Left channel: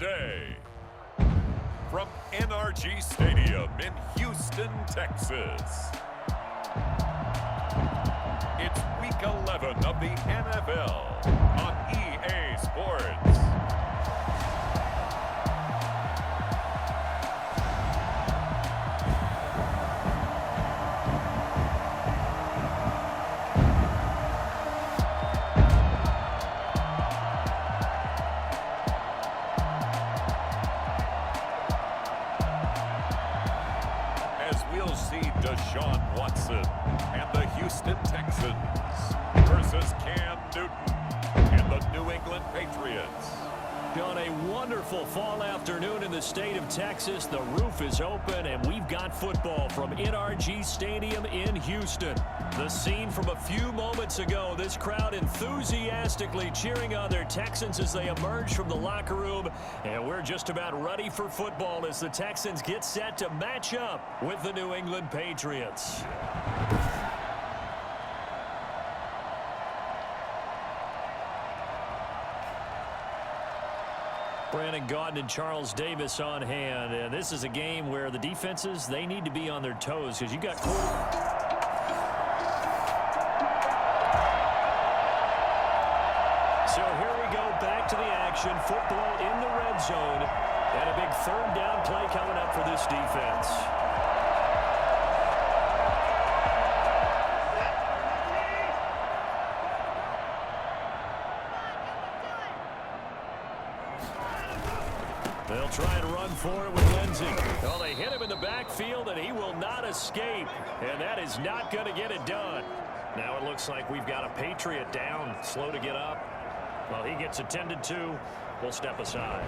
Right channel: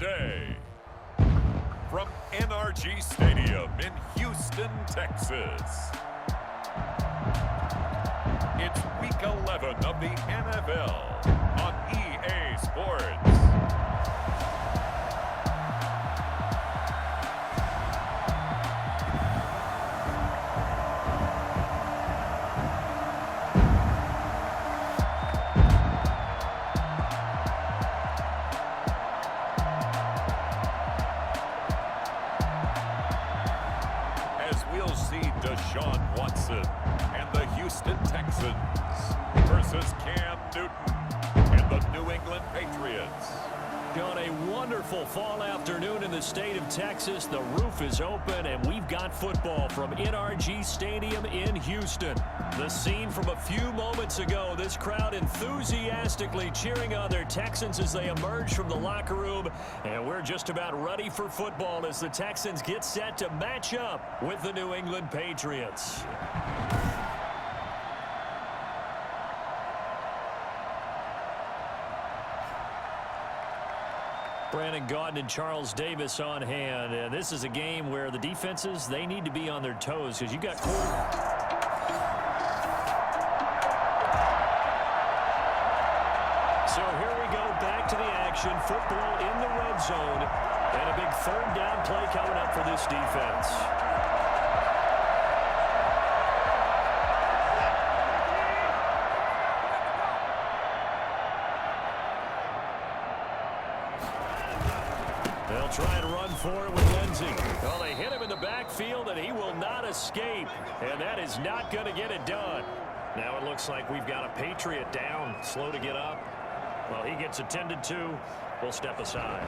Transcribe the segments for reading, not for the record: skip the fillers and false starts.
day. From NRG Stadium in Houston, Texas. It's Week 11 of the NFL on EA Sports. We'll see Deshaun Watson and the Houston Texans versus Cam Newton and the New England Patriots. On a wonderful fall afternoon in the state of Texas, the roof is open and we've got football from NRG Stadium in Houston. The scene from a few moments ago, this crowd enthusiastically cheering on their Texans as they emerge from the locker room. And we're just about ready for football as the Texans get set to match up with the New England Patriots. Brandon Gaudin and Charles Davis on hand. And this is a game where the defenses, they need to be on their toes because you got So here we go, back to the action. Football in the red zone. And a big third down play coming up for this defense. They'll try and run for it with Lindsey. Well, they hit him in the backfield, and he will not escape. And that is not going to get it done. Now it looks like we've got a Patriot down, slow to get up. Well, he gets attended to. We'll step aside.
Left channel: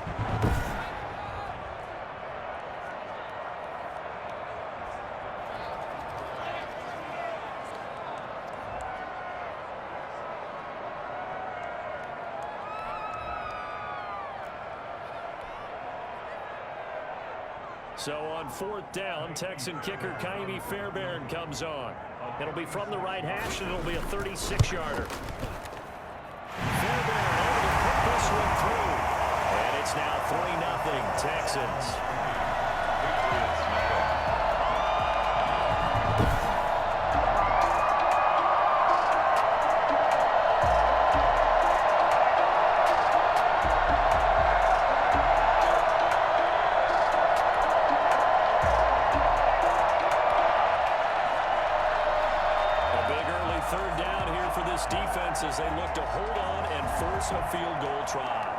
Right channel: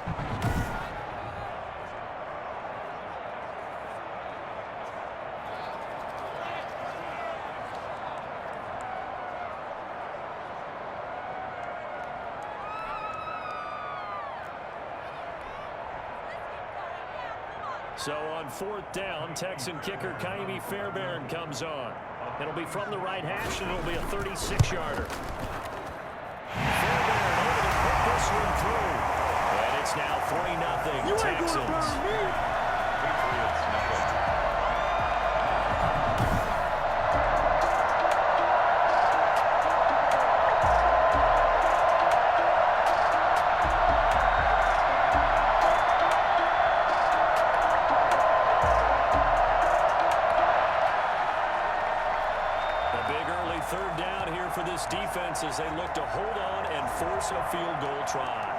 So on fourth down, Texan kicker Kaimi Fairbairn comes on. It'll be from the right hash, and it'll be a 36-yarder. Fairbairn able to put this one through. And it's now 3-0 Texans. Patriots nothing. Third down here for this defense as they look to hold on and force a field goal try.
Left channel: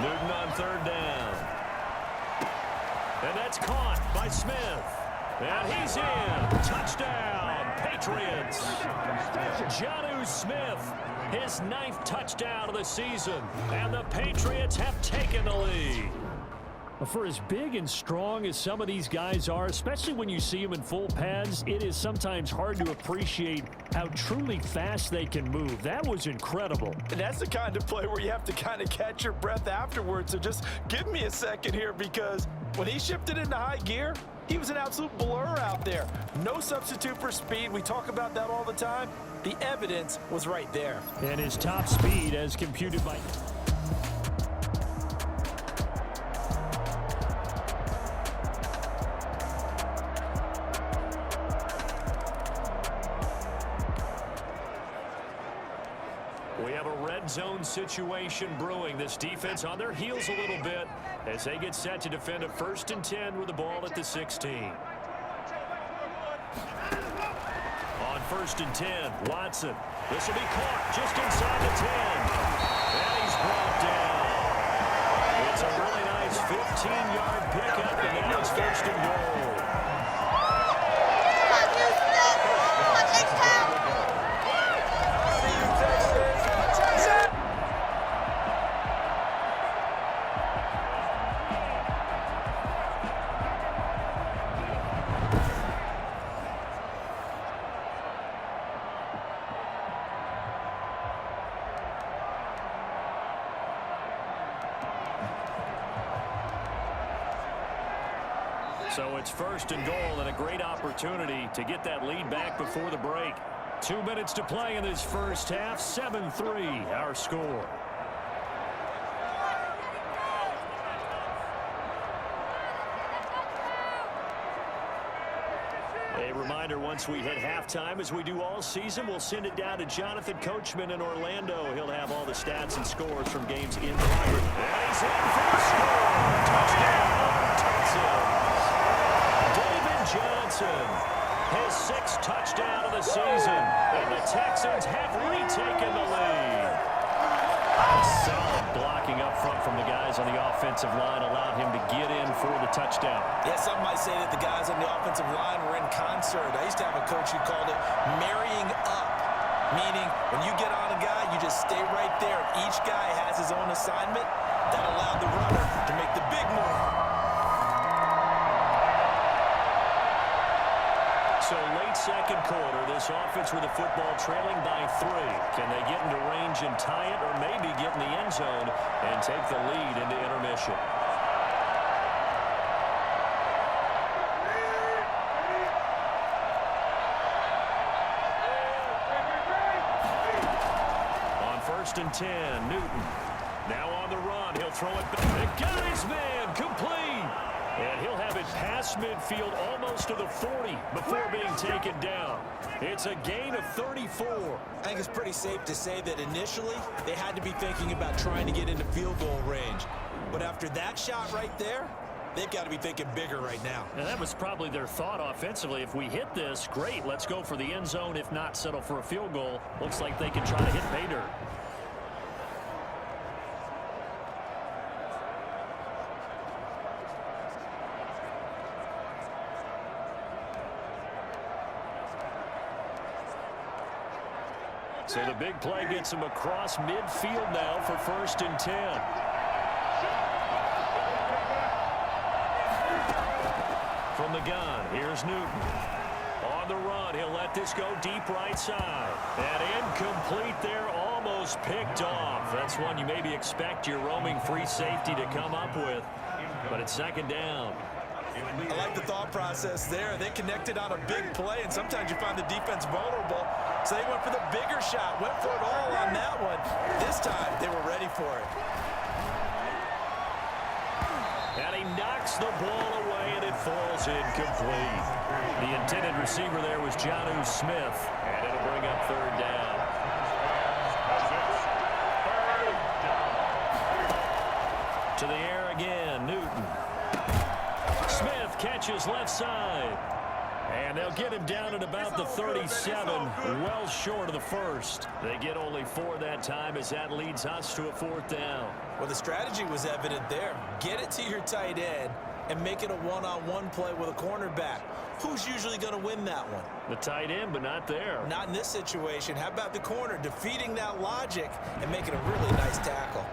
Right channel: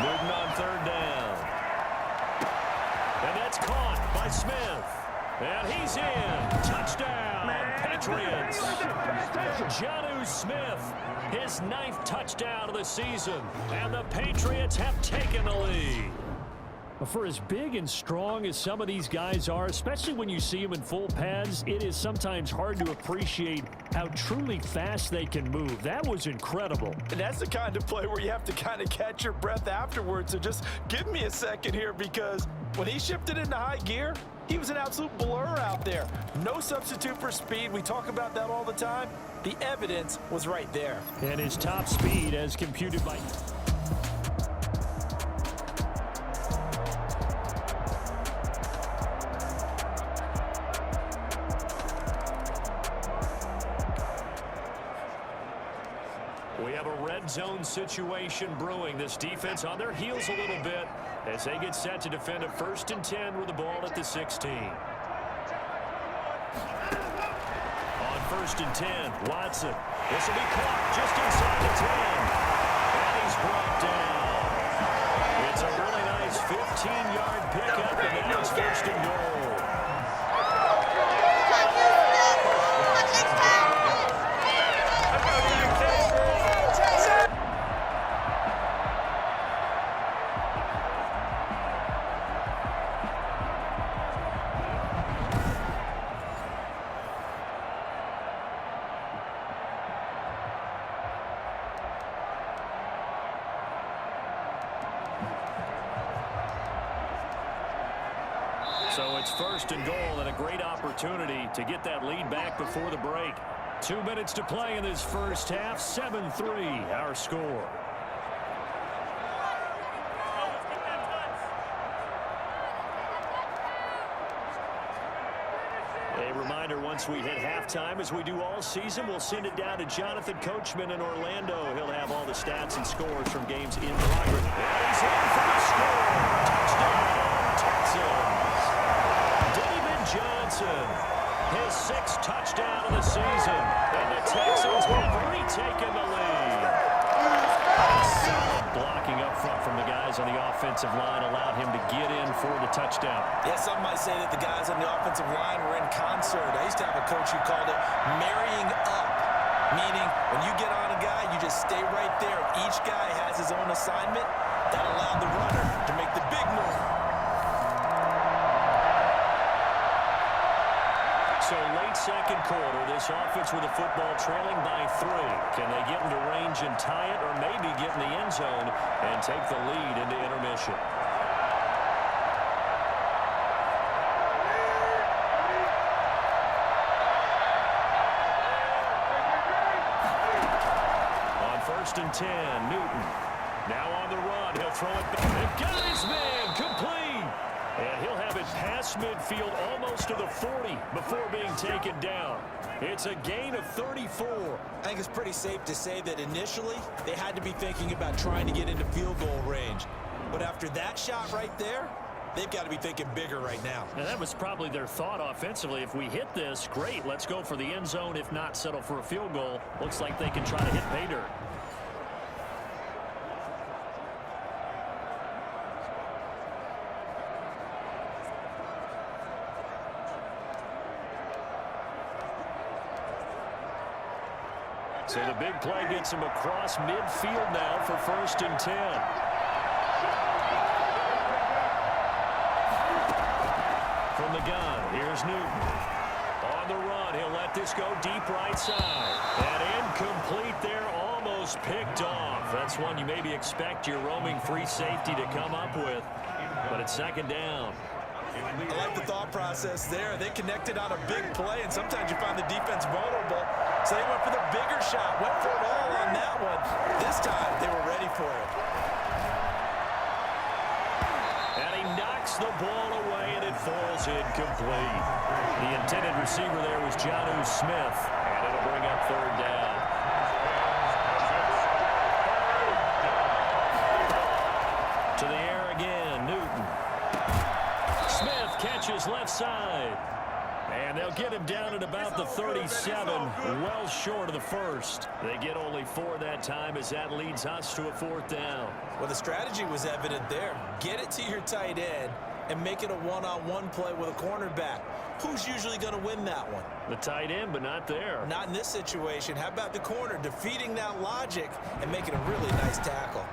Newton on third down. And that's caught by Smith. And he's in. Touchdown, Patriots. Jonnu Smith, his 9th touchdown of the season. And the Patriots have taken the lead. For as big and strong as some of these guys are, especially when you see them in full pads, it is sometimes hard to appreciate how truly fast they can move. That was incredible. And that's the kind of play where you have to kind of catch your breath afterwards. So just give me a second here, because when he shifted into high gear, he was an absolute blur out there. No substitute for speed. We talk about that all the time. The evidence was right there. And his top speed as computed by... We have a red zone situation brewing. This defense on their heels a little bit as they get set to defend a 1st and 10 with the ball at the 16. On 1st and 10, Watson. This will be caught just inside the 10. And he's brought down. It's a really nice 15-yard pickup, and now it's 1st and goal. So it's 1st and goal and a great opportunity to get that lead back before the break. 2 minutes to play in this first half. 7-3 our score. A reminder, once we hit halftime, as we do all season, we'll send it down to Jonathan Coachman in Orlando. He'll have all the stats and scores from games in progress. And he's in for the score. Touchdown, Texans. David Johnson, his 6th touchdown of the season, and the Texans have retaken the lead. Solid blocking up front from the guys on the offensive line allowed him to get in for the touchdown. Yeah, some might say that the guys on the offensive line were in concert. I used to have a coach who called it marrying up, meaning when you get on a guy, you just stay right there. Each guy has his own assignment. That allowed the runner to make the big move. So late second quarter, this offense with the football trailing by 3. Can they get into range and tie it, or maybe get in the end zone and take the lead into intermission? On 1st and 10, Newton. Now on the run, he'll throw it back. It got his man, complete. And he'll have it past midfield almost to the 40 before being taken down. It's a gain of 34. I think it's pretty safe to say that initially they had to be thinking about trying to get into field goal range. But after that shot right there, they've got to be thinking bigger right now. And that was probably their thought offensively. If we hit this, great, let's go for the end zone. If not, settle for a field goal. Looks like they can try to hit pay dirt. So the big play gets him across midfield now for 1st and 10. From the gun, here's Newton. On the run, he'll let this go deep right side. And incomplete there, almost picked off. That's one you maybe expect your roaming free safety to come up with. But it's 2nd down. I like the thought process there. They connected on a big play, and sometimes you find the defense vulnerable. So they went for the bigger shot, went for it all on that one. This time, they were ready for it. And he knocks the ball away, and it falls incomplete. The intended receiver there was Jono Smith, and it'll bring up 3rd down. To the air again, Newton. Smith catches left side. And they'll get him down at about the 37, well short of the 1st. They get only 4 that time as that leads us to a 4th down. Well, the strategy was evident there. Get it to your tight end and make it a one-on-one play with a cornerback. Who's usually going to win that one? The tight end, but not there. Not in this situation. How about the corner defeating that logic and making a really nice tackle?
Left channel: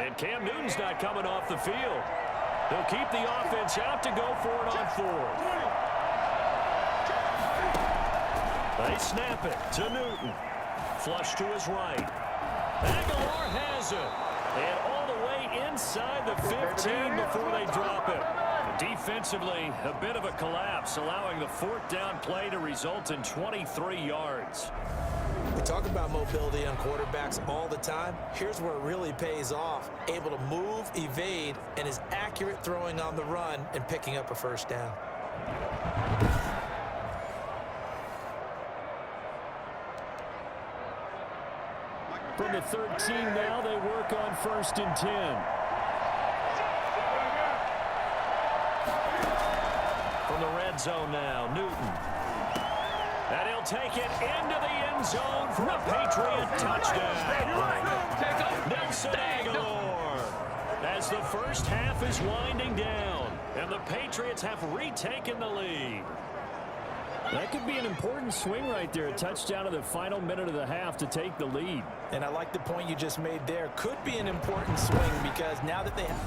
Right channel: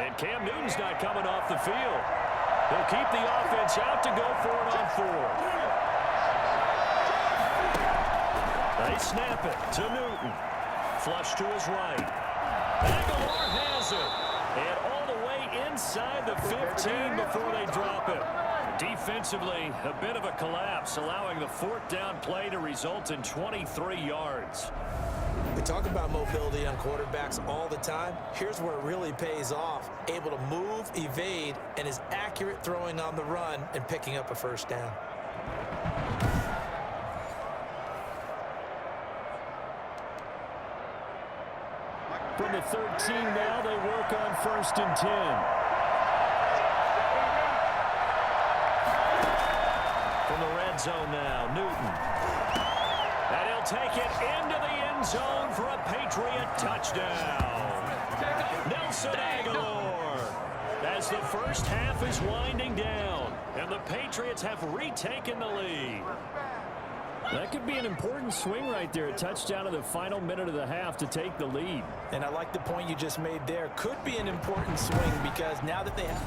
And Cam Newton's not coming off the field. They'll keep the offense out to go for it on 4th. They snap it to Newton. Flush to his right. Aguilar has it. And all the way inside the 15 before they drop it. Defensively, a bit of a collapse, allowing the 4th down play to result in 23 yards. We talk about mobility on quarterbacks all the time. Here's where it really pays off. Able to move, evade, and is accurate throwing on the run and picking up a 1st down. From the 13 now, they work on 1st and 10. From the red zone now, Newton. And he'll take it into the end zone for a Patriot touchdown. Nelson Aguilar. As the first half is winding down, and the Patriots have retaken the lead. That could be an important swing right there. A touchdown in the final minute of the half to take the lead. And I like the point you just made there. Could be an important swing because now that they have...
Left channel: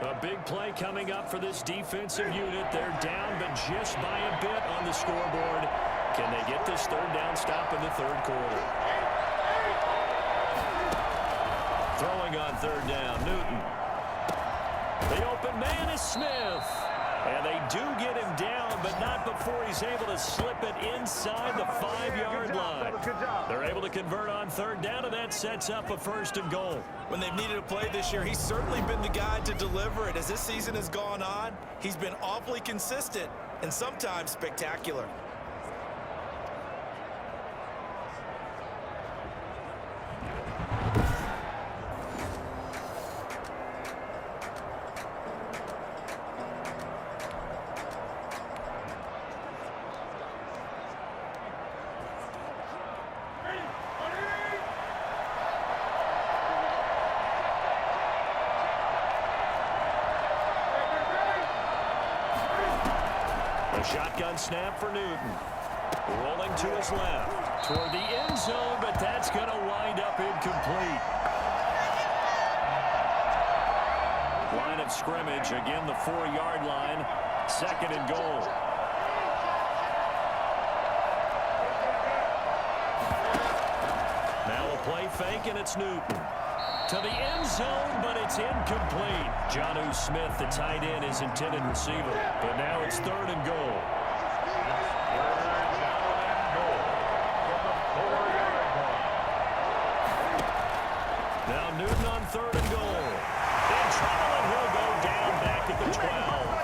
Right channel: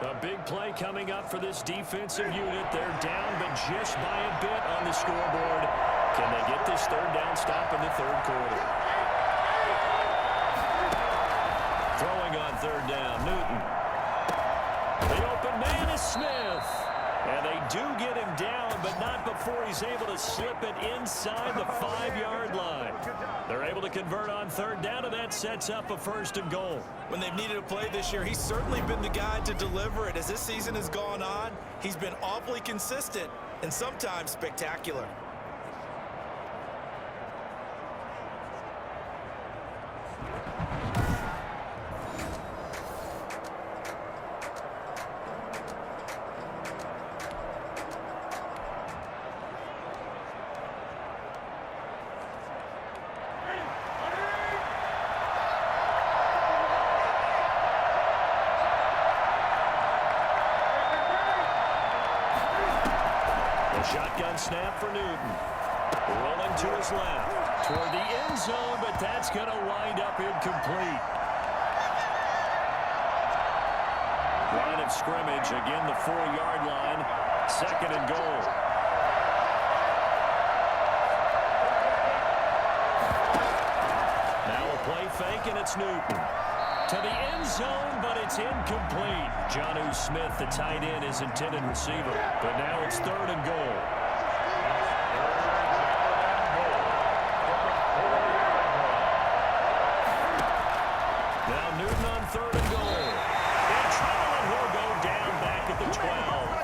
A big play coming up for this defensive unit. They're down, but just by a bit on the scoreboard. Can they get this third down stop in the third quarter? Throwing on third down, Newton. The open man is Smith. And they do get him down, but not before he's able to slip it inside the 5-yard line. They're able to convert on third down, and that sets up a 1st and goal. When they've needed a play this year, he's certainly been the guy to deliver it. As this season has gone on, he's been awfully consistent and sometimes spectacular. Shotgun snap for Newton. Rolling to his left. Toward the end zone, but that's going to wind up incomplete. Line of scrimmage, again the 4-yard line. 2nd and goal. Now a play fake, and it's Newton. To the end zone, but it's incomplete. Jono Smith, the tight end, is intended receiver. But now it's 3rd and goal. 3rd down and goal from the 4-yard line. Now Newton on 3rd and goal. In trouble, and he'll go down back at the 12.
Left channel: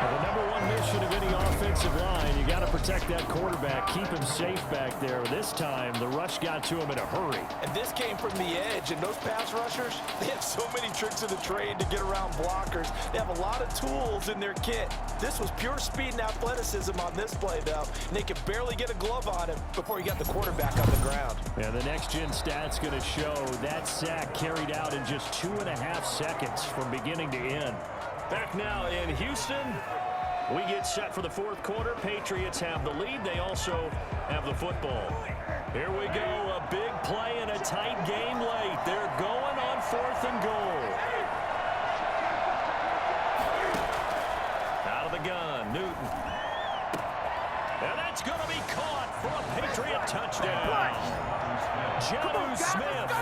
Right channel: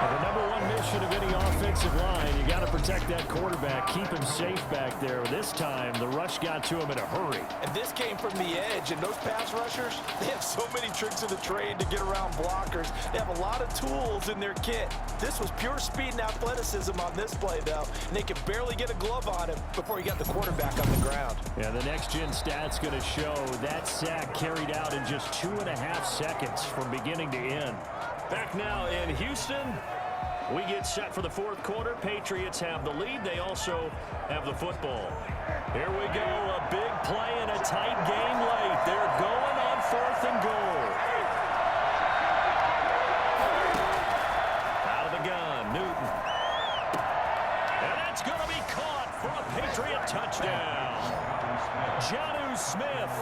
The number one mission of any offensive line, you got to protect that quarterback, keep him safe back there. This time, the rush got to him in a hurry. And this came from the edge, and those pass rushers, they have so many tricks of the trade to get around blockers. They have a lot of tools in their kit. This was pure speed and athleticism on this play, though, and they could barely get a glove on him before he got the quarterback on the ground. Yeah, the next-gen stats going to show that sack carried out in just 2.5 seconds from beginning to end. Back now in Houston. We get set for the 4th quarter. Patriots have the lead. They also have the football. Here we go. A big play in a tight game late. They're going on 4th and goal. Out of the gun, Newton. And that's going to be caught for a Patriot touchdown. Jono Smith,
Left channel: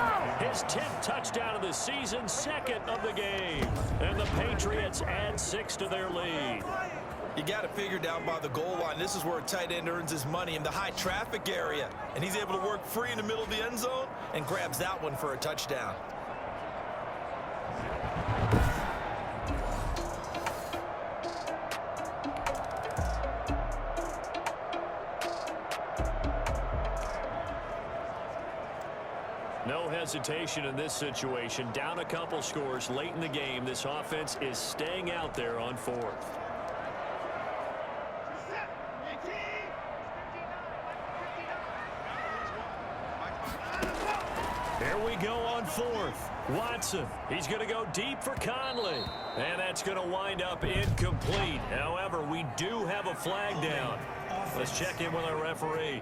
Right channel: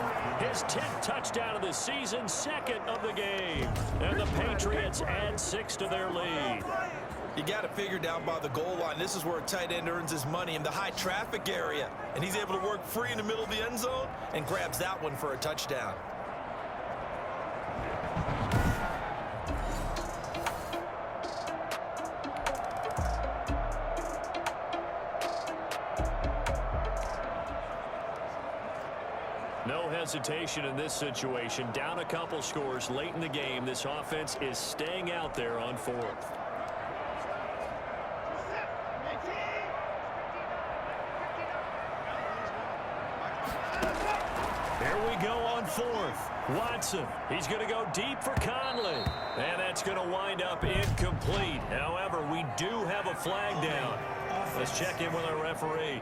his 10th touchdown of the season, 2nd of the game. And the Patriots add 6 to their lead. You got to figure down by the goal line. This is where a tight end earns his money, in the high traffic area. And he's able to work free in the middle of the end zone and grabs that one for a touchdown. No hesitation in this situation. Down a couple scores late in the game. This offense is staying out there on 4th. Here we go on 4th. Watson, he's going to go deep for Conley. And that's going to wind up incomplete. However, we do have a flag down. Let's check in with our referee.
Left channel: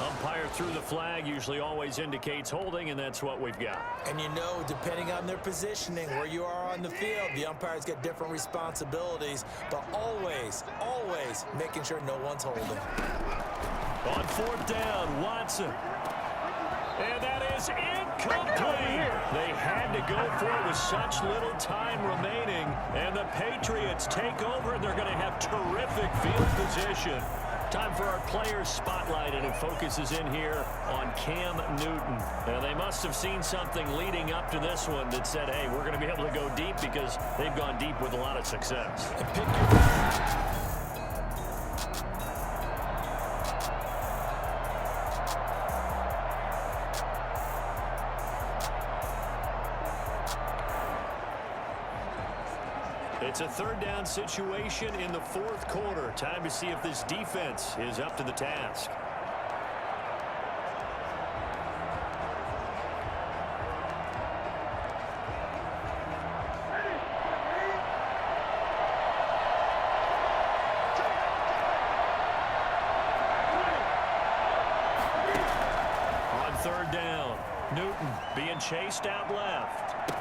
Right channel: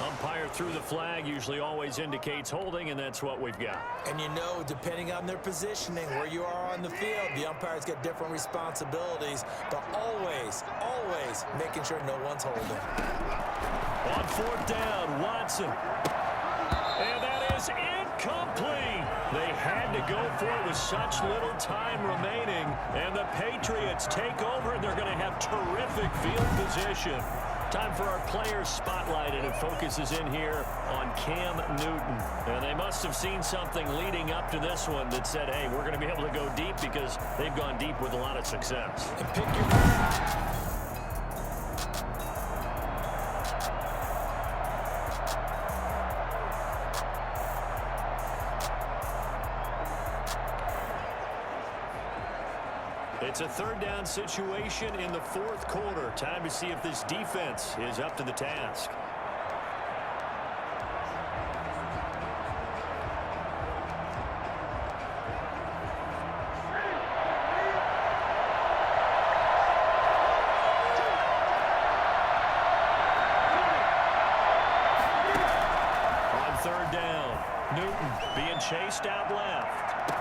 Umpire through the flag usually always indicates holding, and that's what we've got. And you know, depending on their positioning, where you are on the field, the umpires get different responsibilities, but always, always making sure no one's holding. On 4th down, Watson. And that is incomplete. They had to go for it with such little time remaining, and the Patriots take over, and they're going to have terrific field position. Time for our players spotlight, and it focuses in here on Cam Newton. And they must have seen something leading up to this one that said, hey, we're going to be able to go deep, because they've gone deep with a lot of success. And pick your... It's a 3rd down situation in the 4th quarter. Time to see if this defense is up to the task. Newton being chased out left.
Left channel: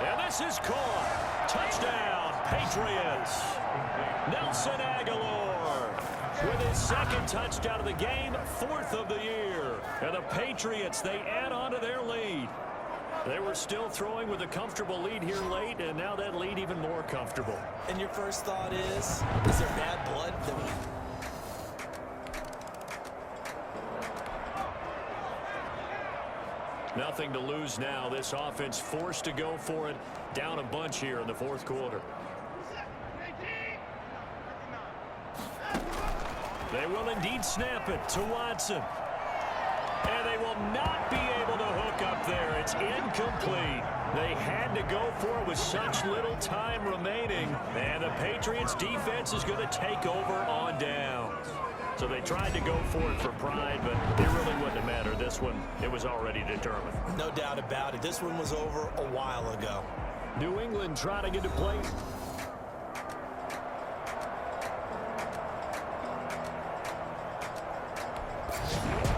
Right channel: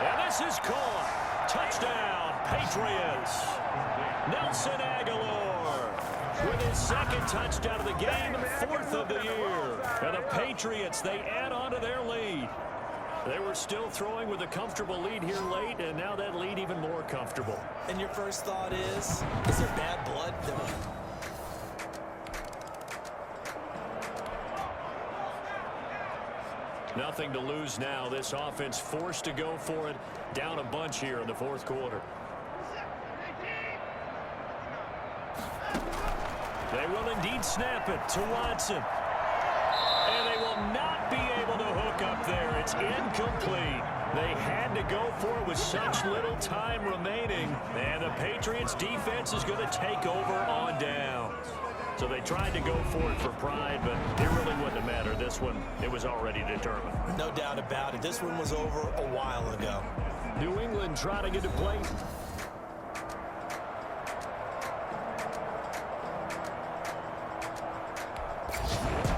And this is caught. Touchdown, Patriots. Nelson Aguilar with his second touchdown of the game, 4th of the year. And the Patriots, they add on to their lead. They were still throwing with a comfortable lead here late, and now that lead even more comfortable. And your first thought is there bad blood? Nothing to lose now. This offense forced to go for it, down a bunch here in the 4th quarter. They will indeed snap it to Watson. And they will not be able to hook up there. It's incomplete. They had to go for it with such little time remaining. And the Patriots defense is going to take over on downs. So they tried to go for it for pride, but it really wouldn't have mattered. This one, it was already determined. No doubt about it. This one was over a while ago. New England trying to get to play.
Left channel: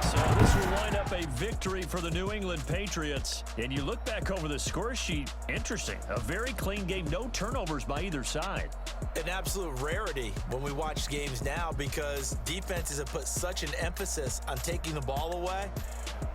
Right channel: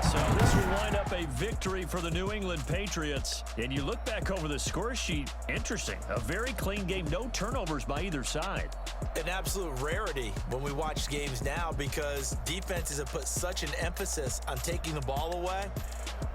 So this will wind up a victory for the New England Patriots. And you look back over the score sheet, interesting. A very clean game, no turnovers by either side. An absolute rarity when we watch games now because defenses have put such an emphasis on taking the ball away.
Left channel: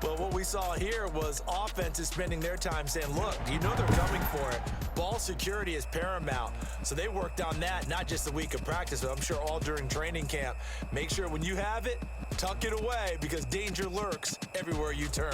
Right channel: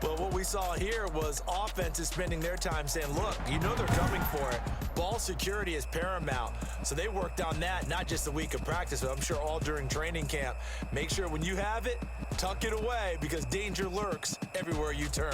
But what we saw here was offenses spending their time saying, look, you know they're coming for it. Ball security is paramount. So they worked on that, not just a week of practice, but I'm sure all during training camp. Make sure when you have it, tuck it away because danger lurks everywhere you turn.